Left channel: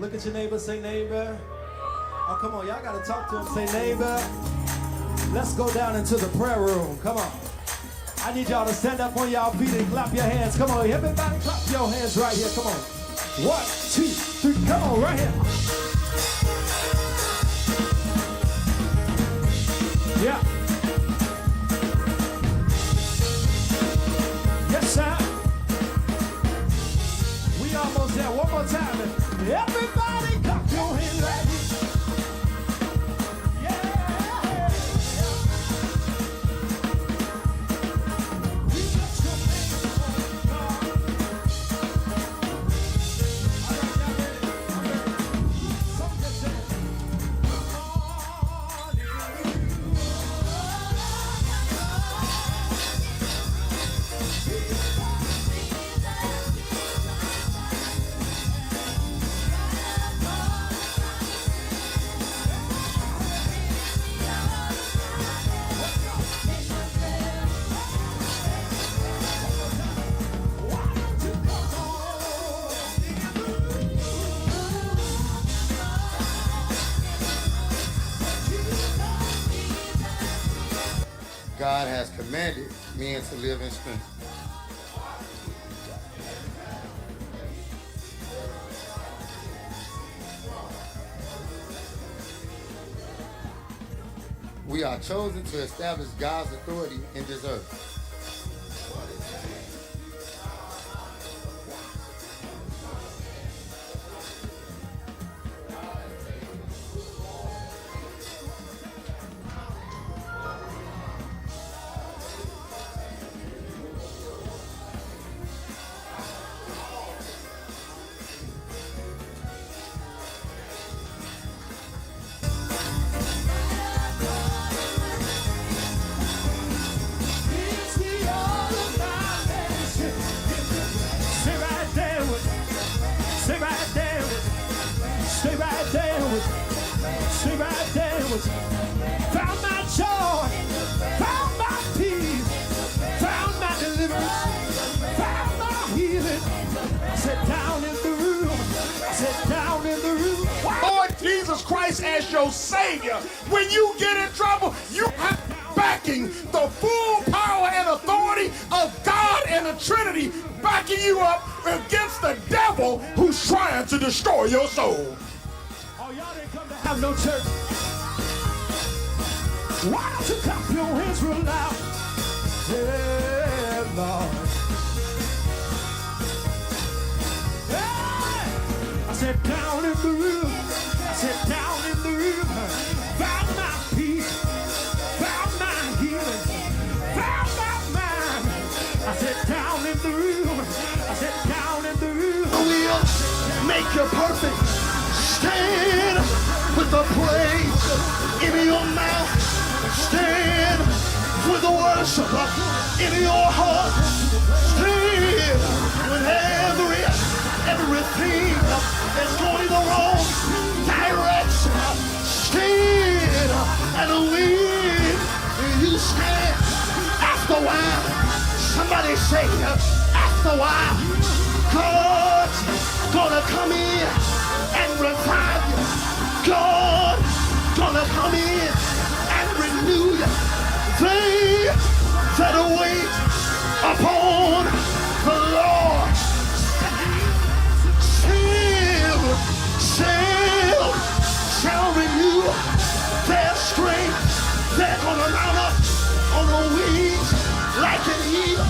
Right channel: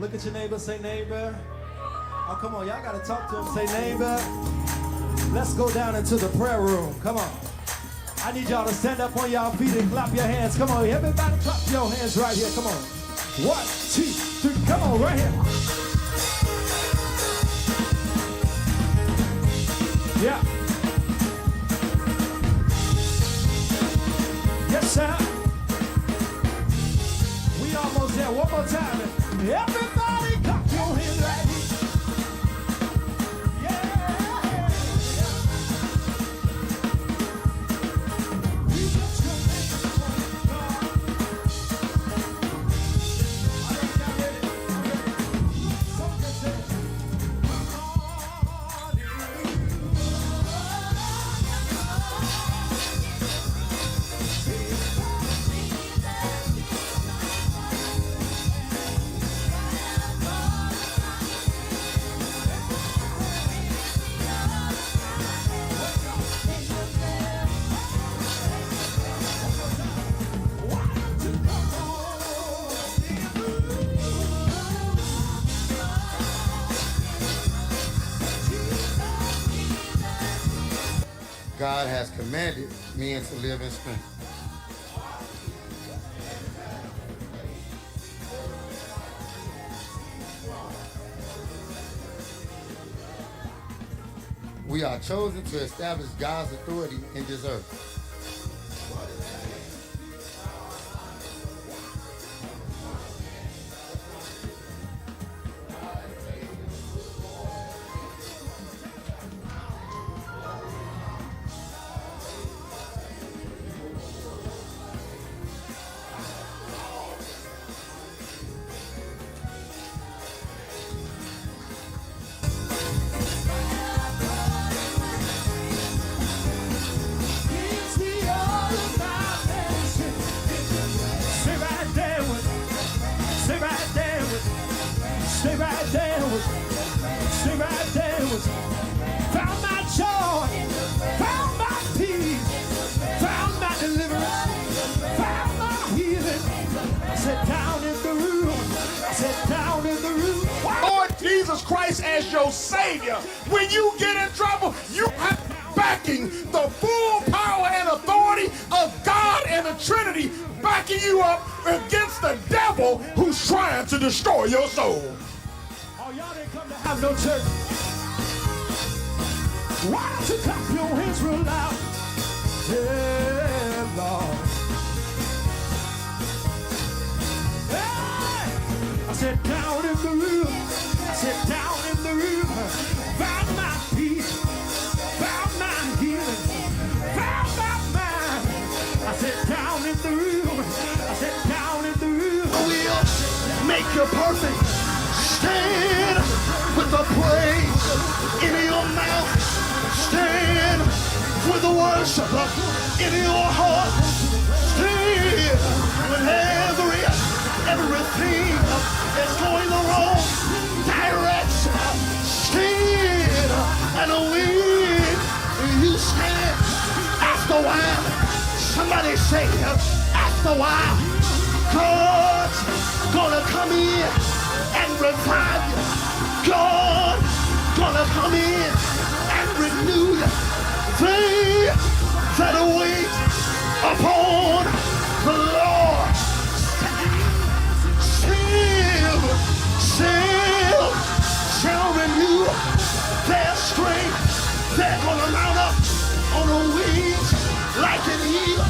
Look at your neighbor, say neighbor. Oh, come on, y'all gotta talk to him, say neighbor. Let's go down into the prayer room, come on. I need y'all to stand up on y'all feet and clap your hands. Come on, everybody clap your hands right here, come on. 1, 2, 3, come on, right here. Yeah. Yes, sir. We almost there. One more time. Everybody clap your hands right here. God has commanded men to live in strength. We are chosen to establish God's authority in this earth. Found my joy, found my peace, found my deliverance, found my healing. Sit down in the room, sit down in the room. Lord Jesus Christ as your Savior. When you get in trouble, you have backing the full power and authority of God and the Trinity backing you up against the devil who's trying to destroy your soul. Oh, y'all didn't come to have no church. Why don't you clap your hands real loud? Yeah, Lord. Hey! I sit down in the room. I sit down in the room. Found my peace. Found my healing. Found my mind. I sit down in the room. I sit down in the room. I will make you perfect. Stand with the praise in your mouth. Stand with the worship in your heart. Stand with everything that's going the wrong direction. Stand and when you stand, after a while, somebody say, after a while, God's gonna come in and revive you. God gonna come in and renew you. They that wait upon the Lord shall renew their strength. They're gonna mount up on the wings like an eagle.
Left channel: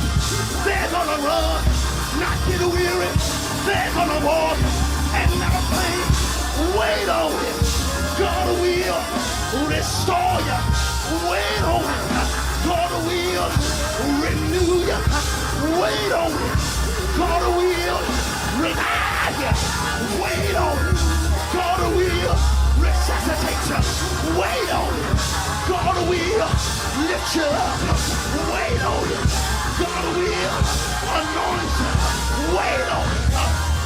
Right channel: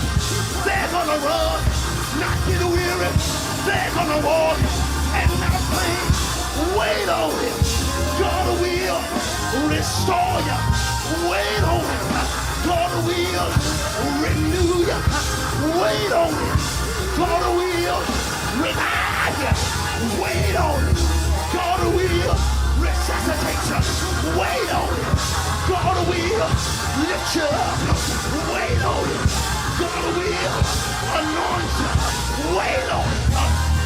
They're gonna run, not get weary. They're gonna walk and not faint. Wait on Him. God will restore you. Wait on Him. God will renew you. Wait on Him. God will revive you. Wait on Him. God will resuscitate you. Wait on Him. God will lift you up. Wait on Him. God will anoint you. Wait on Him.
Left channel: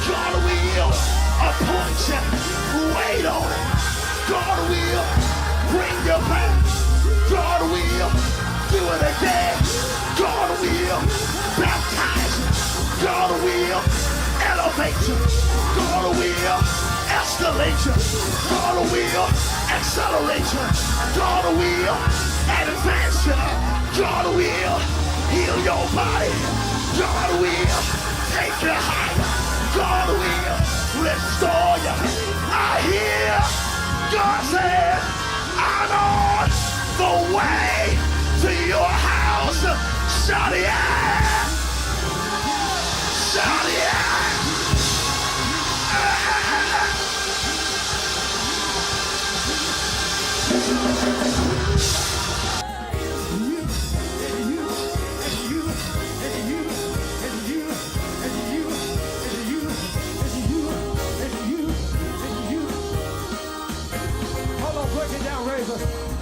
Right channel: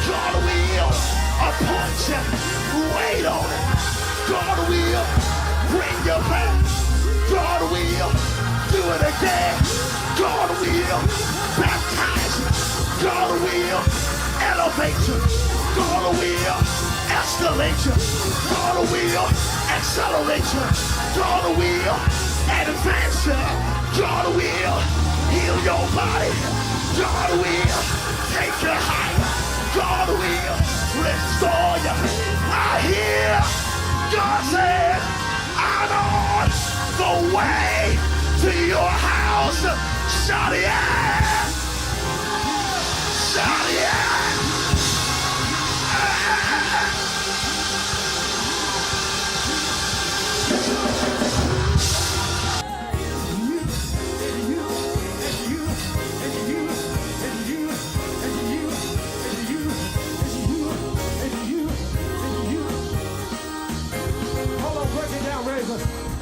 God will appoint you. Wait on Him. God will bring you back. God will do it again. God will baptize you. God will elevate you. God will escalate you. God will accelerate you. God will advance you. God will heal your body. God will take you higher. God will restore you. I hear God said, I'm on the way to your house. Shout yeah! Shout yeah! Hold on, break it down, Razor.